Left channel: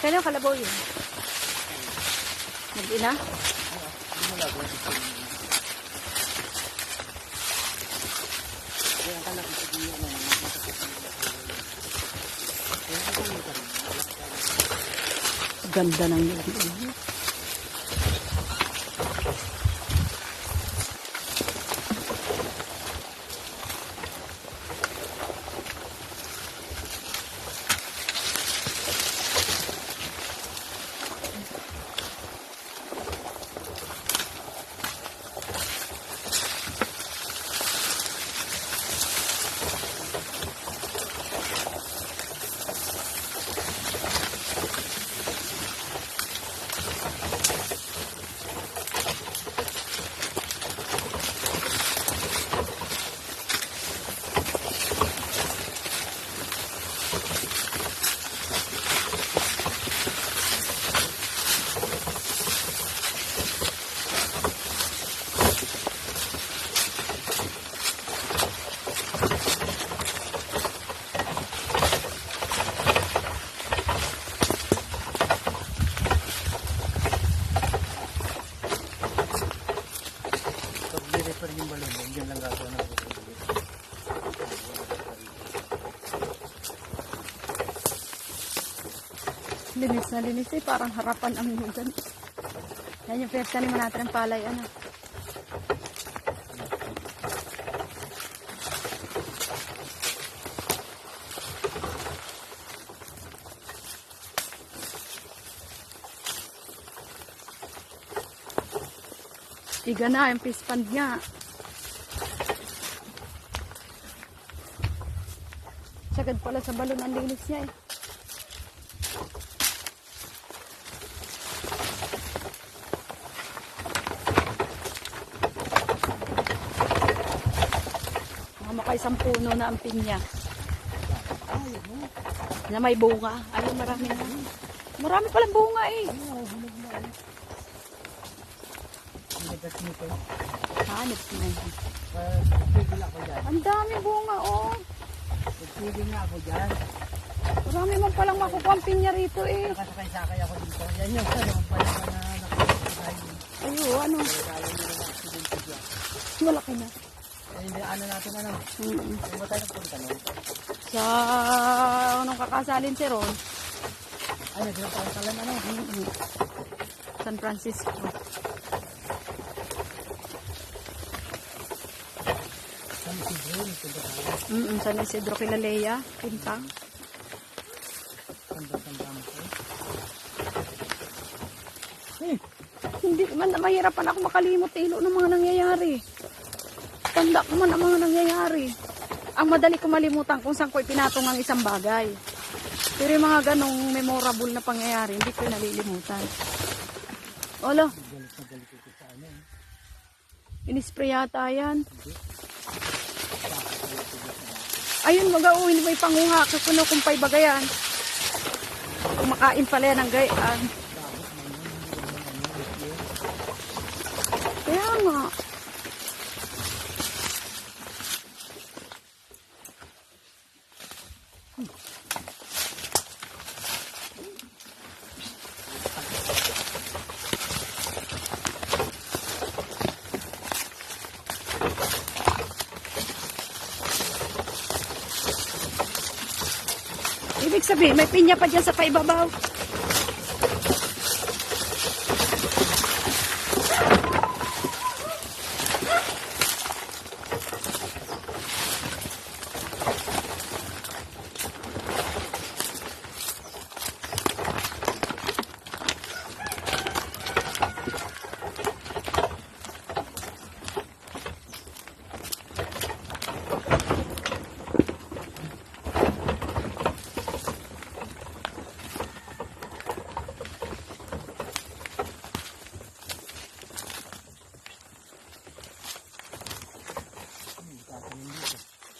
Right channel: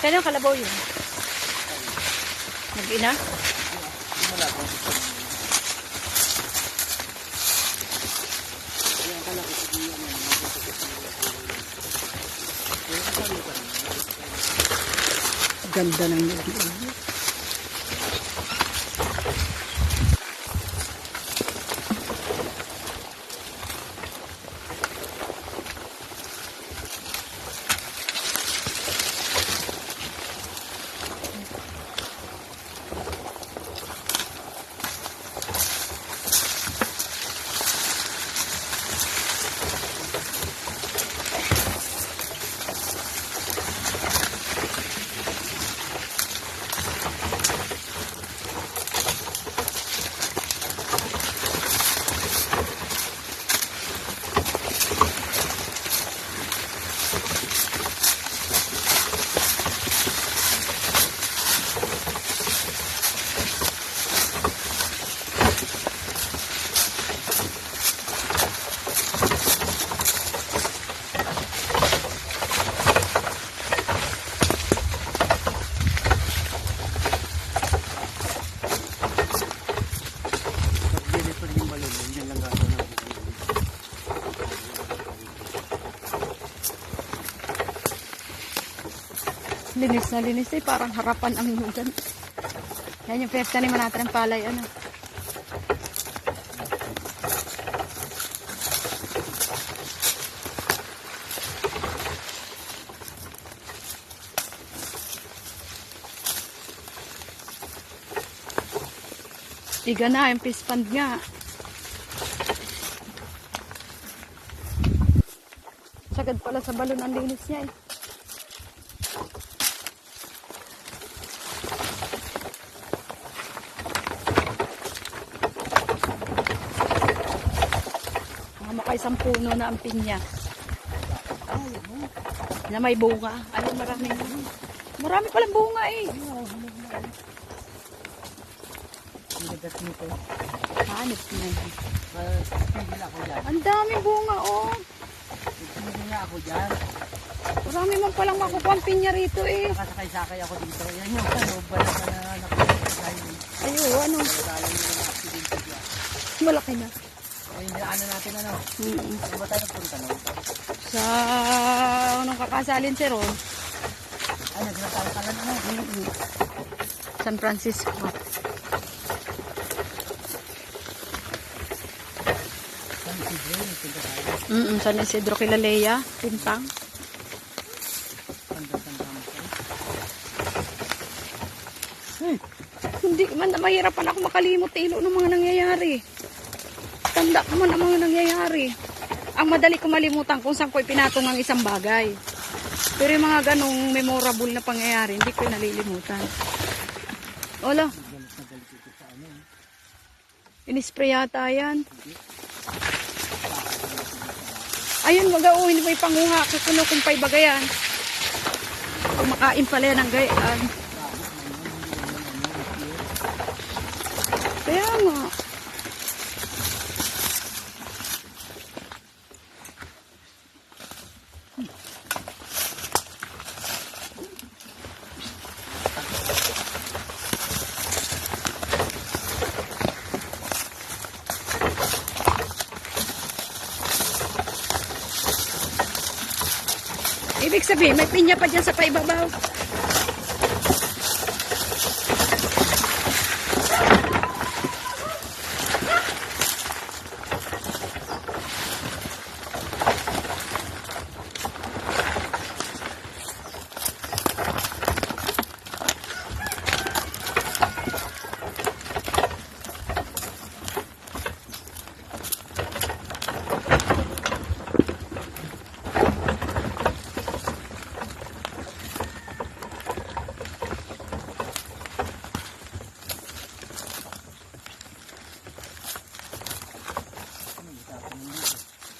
Kaya kalabaw yun? Mag-ina? Hindi mo lang. Kaya ang kalaki sa diyan yan. Ganda ng yun. Linis na linis eh. Parang harapan ang lugan. Yan yung pinagtaniman natin ng palay. Ano? Tiga na yung fish pond niya. Sagad pala sa balon ang linis niya eh. Isang puno na ang pinya. Na may bunga. Ay, marami nga. Marami palang bunga eh. Hanip mo. Ang dami bunga oh. Nagpili nga ako dyan. Marami man palang makukuha ang pinya rito eh. Nakasakay-sakay ako dito. Yan yung ano, bala ka na nakasakay. Ayun, ano. Malaki na. Ay, ano natin ano? Ano ba tayo punta no? Sa anong kakasalin si Ron? Ay, nagsinatalang kalan ano? San Francisco. San Isidro, nagpunta tayo. San Isidro kila Leia, Pintang. Tanda-tanda mo kayo. Hindi man mahirapan ako makalimot ilo ng mga nangyayari. Tanda ko man ang mga nangyayari. Ang madali ko malimutan kung saan ko ipinatong ang isang bagay. Pero yung mga ganong memorable na pangyayari, hindi ko nalilimutan. Ola. Inispray yata yan. Ayun, mag-auhin may panguha. Kukuno kung pa'y bagayan. Kumakain pala yan ng gayaan. Kaya nga. Ibig sabihin, may pinya pa dyan sa paibabaw.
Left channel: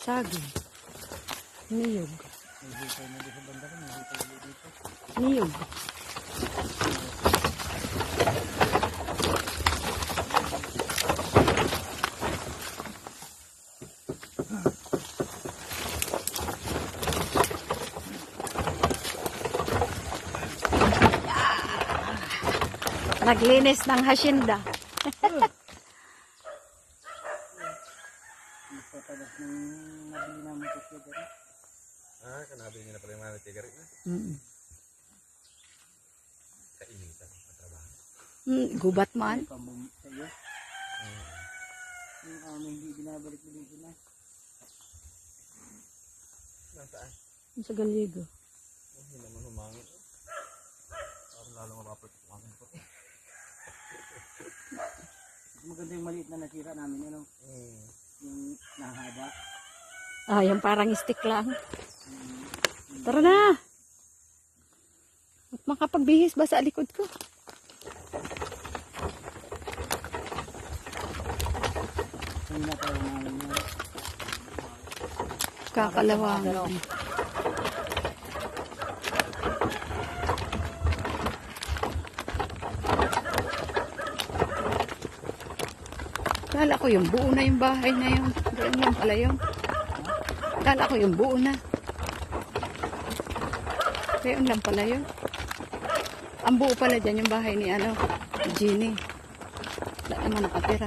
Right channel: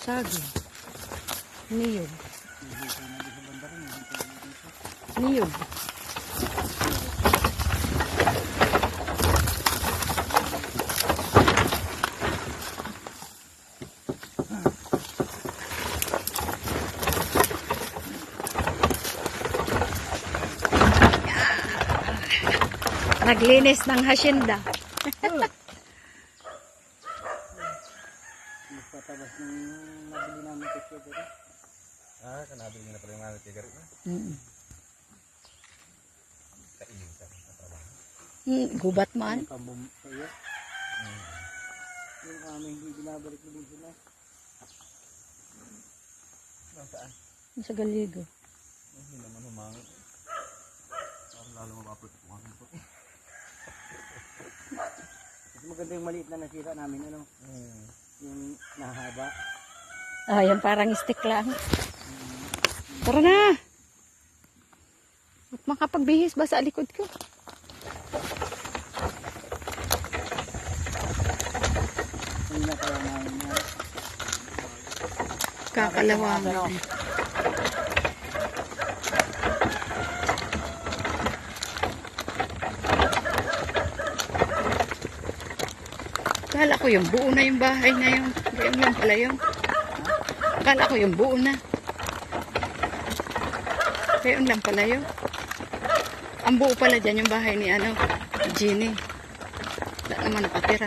Saging. Niyog. Niyog. Naglinis ng hasyenda. Patabas ng nabili namin kasi dito. Kanabi niya na pala yung mga tigarit na. Kainin ka sa trabaho. Gubat man. Pambum sa'yo. Yung aming hindi binabalik na dito na. Nasaan? Sa galigo. Hindi naman humangin. Parang lalo mapapit humangin po. Mas maganda yung maliit na nasira namin, ano? Yung nahaba. Ah, yan parang stick lang. Tara na. Huwag makapagbihis ba sa likod ko? Hindi na kaya namin niya. Kakalawangan. Kala ko yung buo na yung bahay na yun. Ganyan lang pala yun. Kala ko yung buo na. Ganyan lang pala yun. Ang buo pala dyan yung bahay ni ano, Jenny. Wala naman nakatira.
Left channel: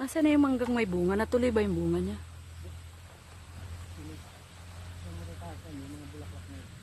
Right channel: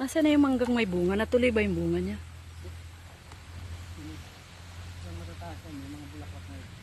Nasaan na yung manggang may bunga? Natuloy ba yung bunga niya? Yung matatasan yung mga bulaklak na ito.